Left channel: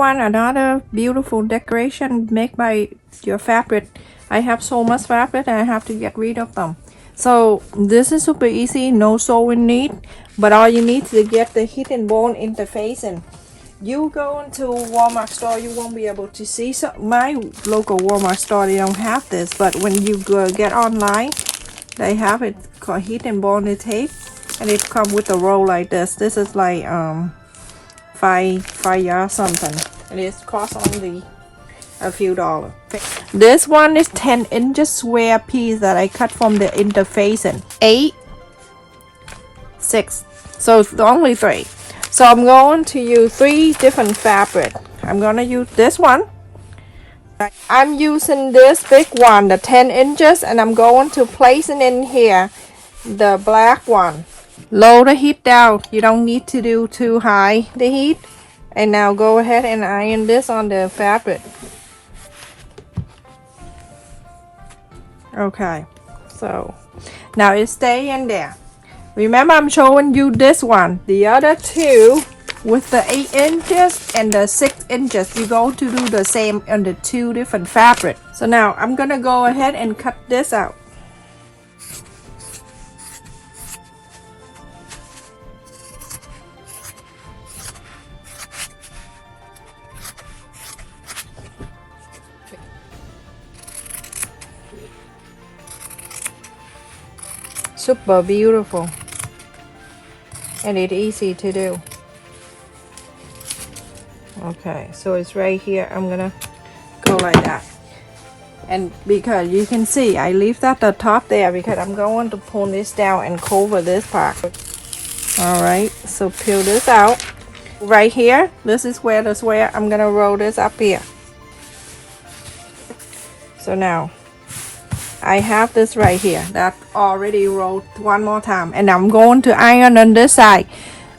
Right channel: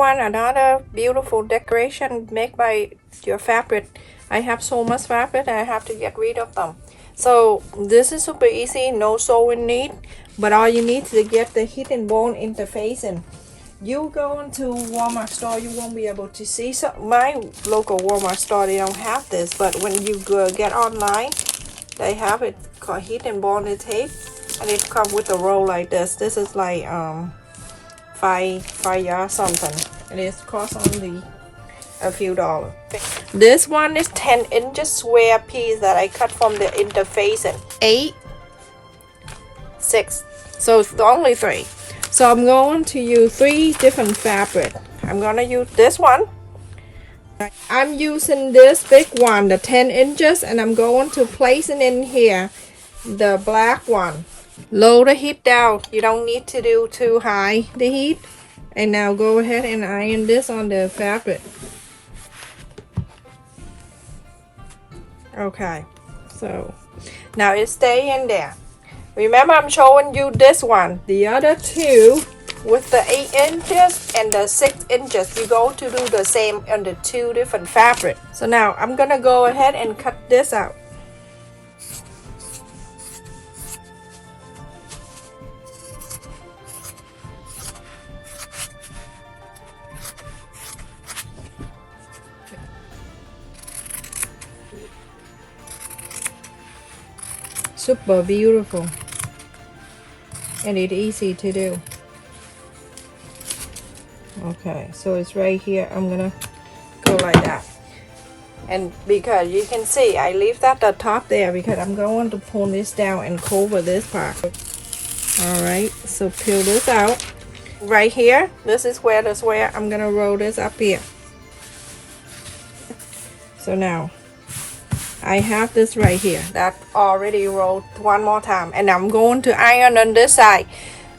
everyone, another beautiful decoration made by your fabric. I have so much fabric and I have to get rid of them. So this is super easy, no sewing need, but all you need to get the hidden bone interfacing. You go into Walmart store, you won't be able to see. So my local Walmart store, they don't have this, but when you go get online, they have it called hidden bone tape, and it comes with a roll like this. This is like five yards something, and it costs only a few dollars. This one is 10 inches square piece that I cut from the interfacing. 8, 6, so it's only 3. So I'm going to use 3 different fabric. I'm gonna use this one. I'm using this big one, the 10 inches, and I'm going to place it in here, the black one. Lower the heat down. You don't need to do too high the heat. And now go ahead and iron this on the fabric. Okay, so now it stay in there. Remember, I'm showing you this one. The other two with the 8 inches and the 6 inches, you go to do the same on the 2 different fabric. So now I'm gonna go ahead and cut this out. Super beautiful, and it's easy to do. Okay, so it's right here. I'm gonna go like that, and because you can see I leave that the top there because I'm going to pull this down and cover this part. All right, so peel this out right here. This is where the square. I'm gonna roll this up here. So now I have this right here that already rolled one more time, and I'm going to iron on this side.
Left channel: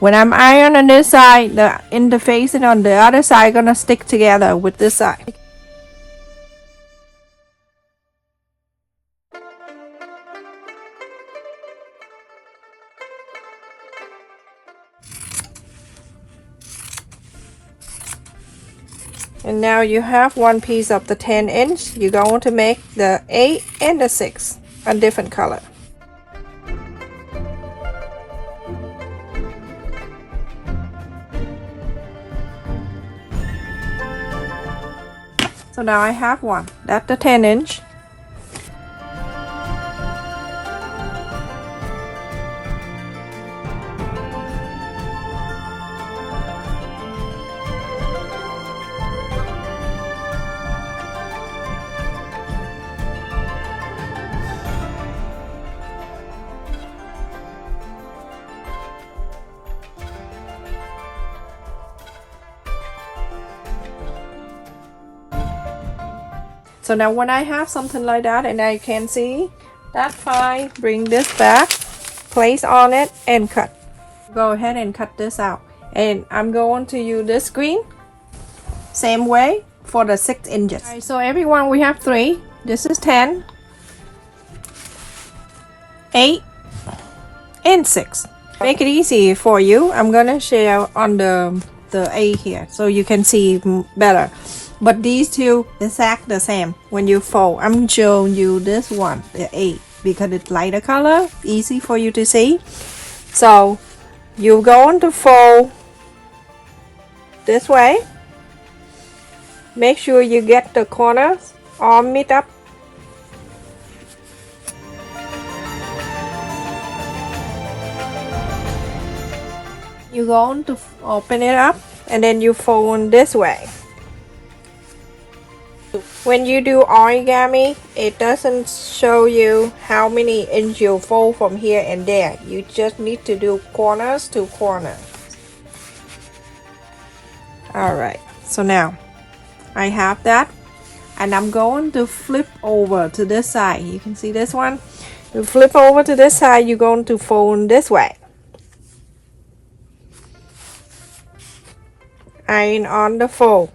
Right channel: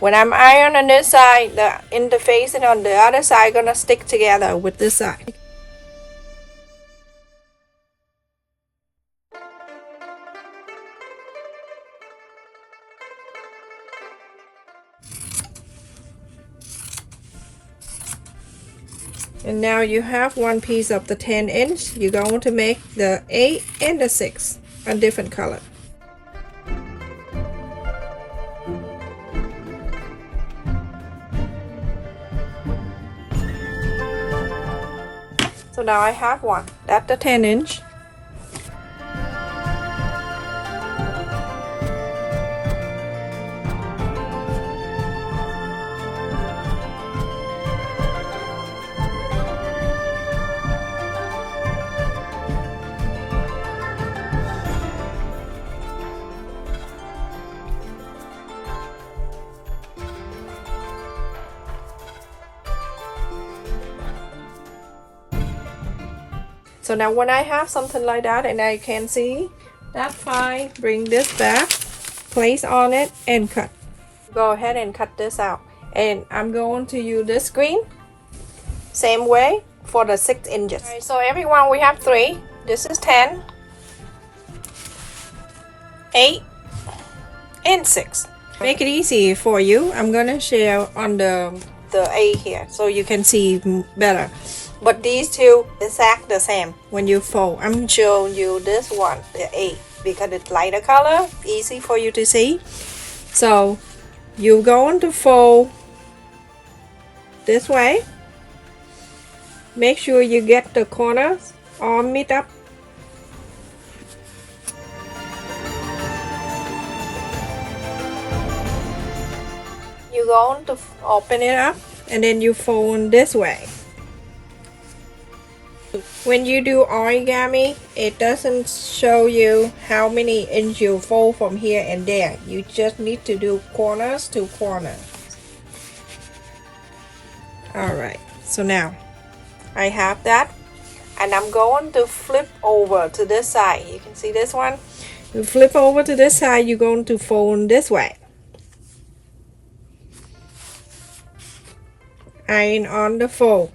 When I'm ironing on this side, the interfacing on the other side gonna stick together with this side. And now you have one piece of the 10 inch. You're going to make the 8 and the 6 a different color. So now I have one. That's the 10 inch. So now when I have something like that and I can see, that's fine. Bring this back, place on it, and cut. Go ahead and cut this out. And I'm going to use this green, same way for the 6 inches. Right, so everyone, we have 3. This is 10, 8, and 6. Make it easy for you. I'm gonna share on the 8 here so you can see better. But these two exact the same when you fold. I'm showing you this one, the 8, because it's lighter color, easy for you to see. So you're going to fold this way. Make sure you get the corners all meet up. You're going to open it up and then you fold this way. When you do origami, it doesn't show you how many inches you fold from here and there. You just need to do corners to corner. Alright, so now I have that, and I'm going to flip over to this side. You can see this one. You flip over to this side, you're going to fold this way. Iron on the fold.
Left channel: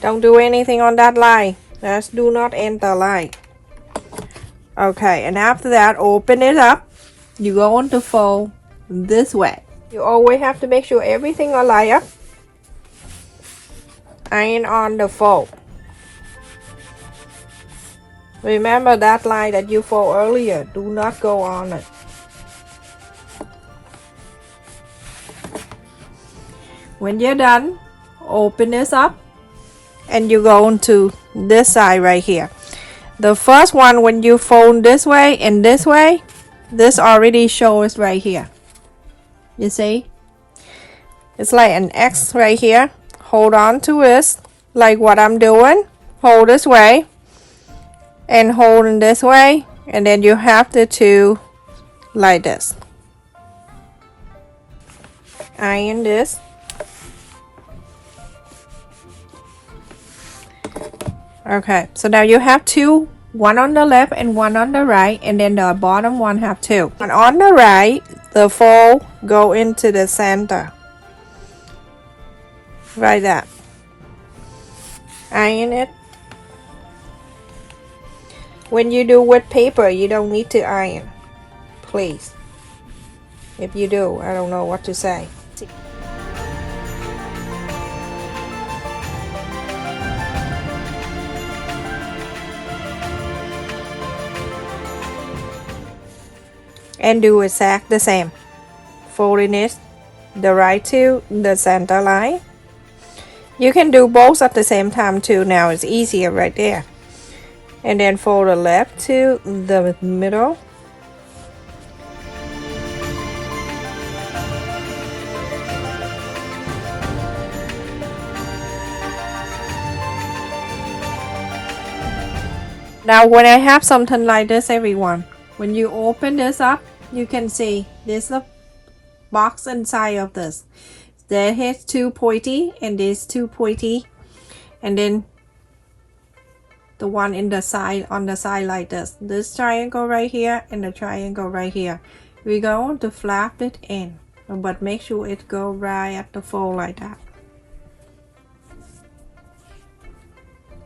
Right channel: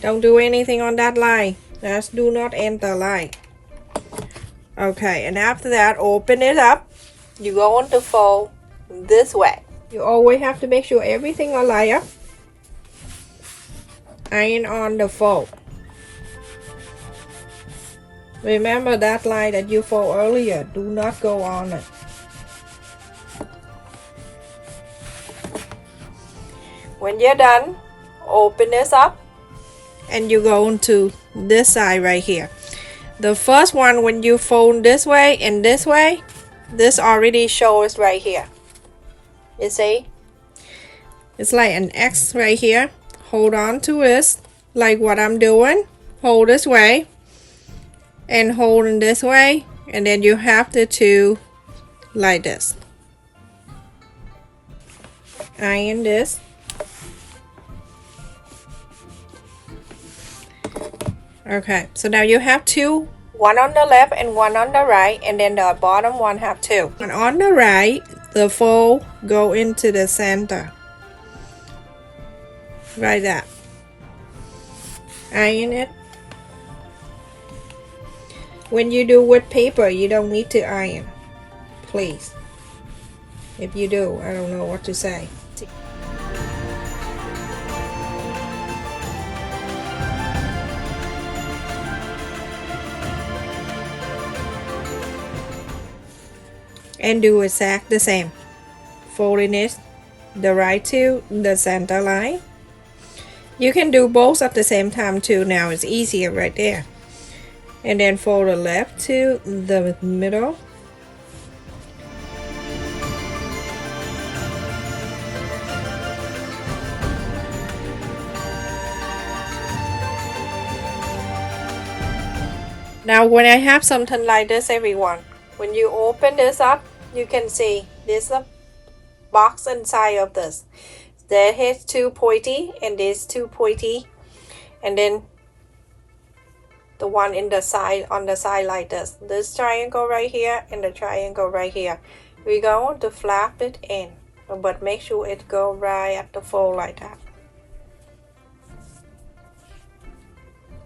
Don't do anything on that line. Just do not enter line. Okay, and after that, open it up. You're going to fold this way. You always have to make sure everything are lined up. Iron on the fold. Remember that line that you fold earlier. Do not go on it. When you're done, open this up and you go into this side right here. The first one, when you fold this way and this way, this already shows right here. You see? It's like an X right here. Hold on to this like what I'm doing. Hold this way and hold in this way, and then you have the two like this. Iron this. Okay, so now you have two, one on the left and one on the right, and then the bottom one have two. And on the right, the fold go into the center. Like that. Iron it. When you do with paper, you don't need to iron. Please. If you do, I don't know what to say. And do exactly the same. Folding it the right to the center line. You can do both at the same time too. Now it's easier right there. And then fold the left to the middle. Now when I have something like this, everyone, when you open this up, you can see there's a box inside of this. There is two pointy and there's two pointy, and then the one in the side, on the side like this triangle right here and the triangle right here. We're going to flap it in, but make sure it go right at the fold like that,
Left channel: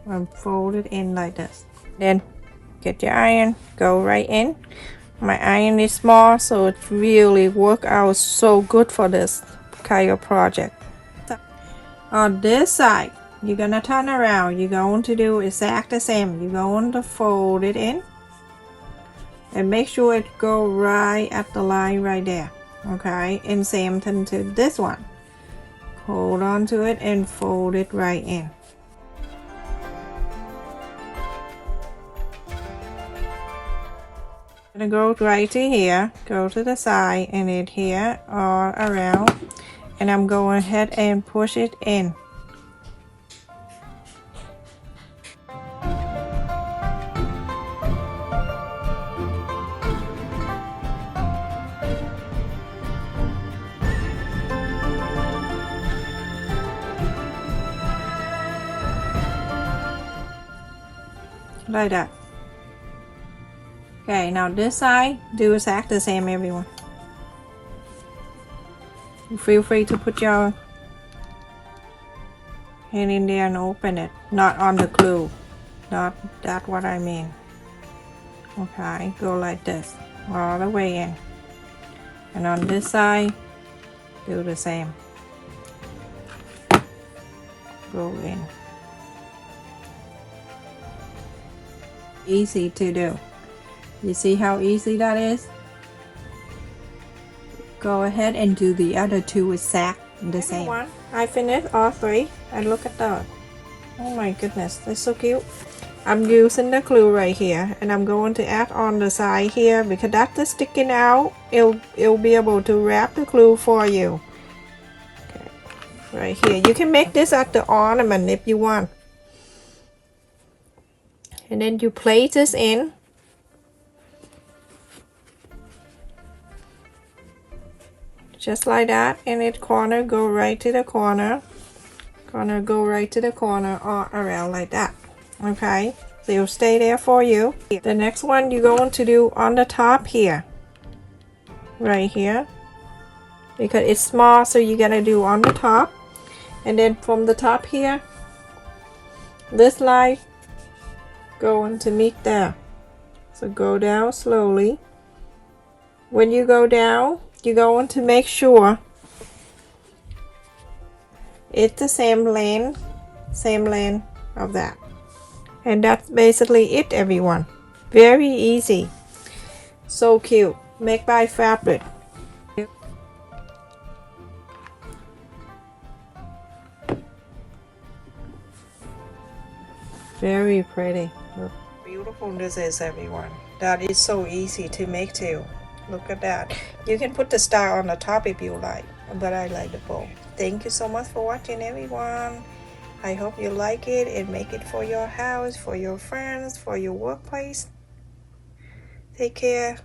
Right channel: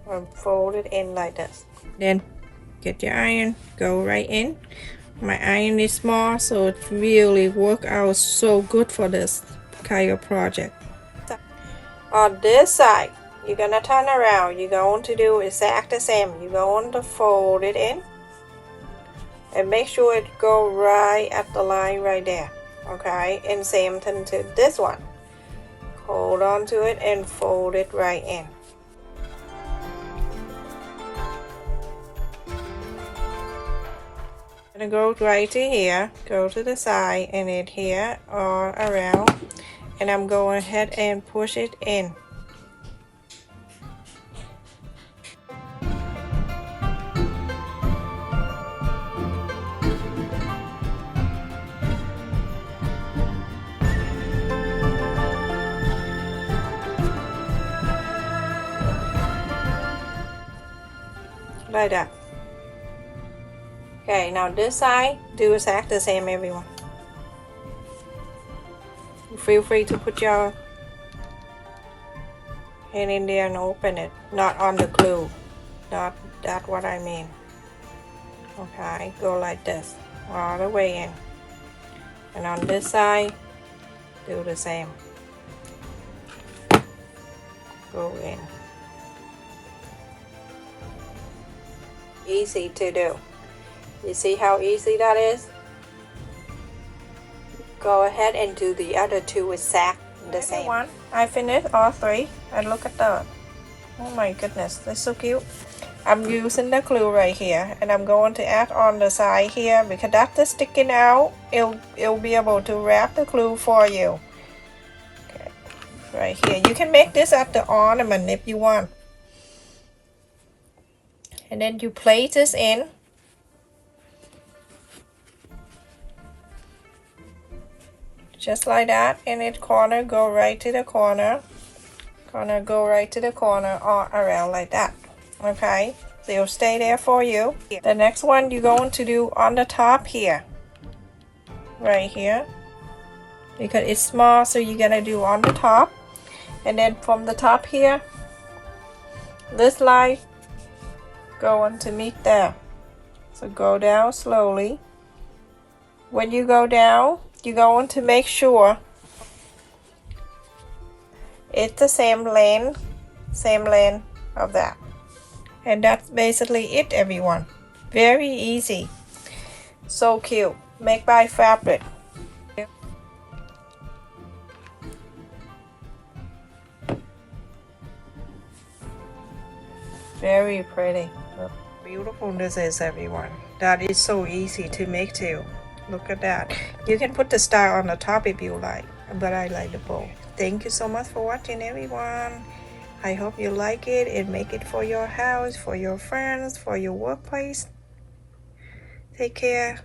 and fold it in like this. Then get your iron, go right in. My iron is small, so it really work out so good for this kind of project. On this side, you're gonna turn around. You're going to do exactly the same. You're going to fold it in and make sure it go right at the line right there. Okay, and same thing to this one. Hold on to it and fold it right in. I'm gonna go right to here, go to the side, and it here or around, and I'm going ahead and push it in. Like that. Okay, now this side, do exactly the same, everyone. Feel free to put your hand in there and open it, not on the glue, not that what I mean. Okay, go like this all the way in, and on this side do the same. Go in. Easy to do. You see how easy that is? Go ahead and do the other two exactly the same. Everyone, I finished all three, and look at that. Oh my goodness, that's so cute. I'm using the glue right here, and I'm going to add on the side here because that's sticking out. It'll be able to wrap the glue for you. Okay, right here. You can make this at the ornament if you want. And then you place this in. Just like that, and it corner go right to the corner. Corner go right to the corner, or around like that. Okay, so it'll stay there for you. The next one you're going to do on the top here. Right here. Because it's small, so you're gonna do on the top. And then from the top here, this line going to meet there. So go down slowly. When you go down, you're going to make sure It's the same length of that. And that's basically it, everyone. Very easy. So cute. Make by Fabric. Very pretty. Look how beautiful this is, everyone. That is so easy to make too. Look at that. You can put the star on the top if you like, but I like the bow. Thank you so much for watching, everyone. I hope you like it and make it for your house, for your friends, for your workplace. Take care.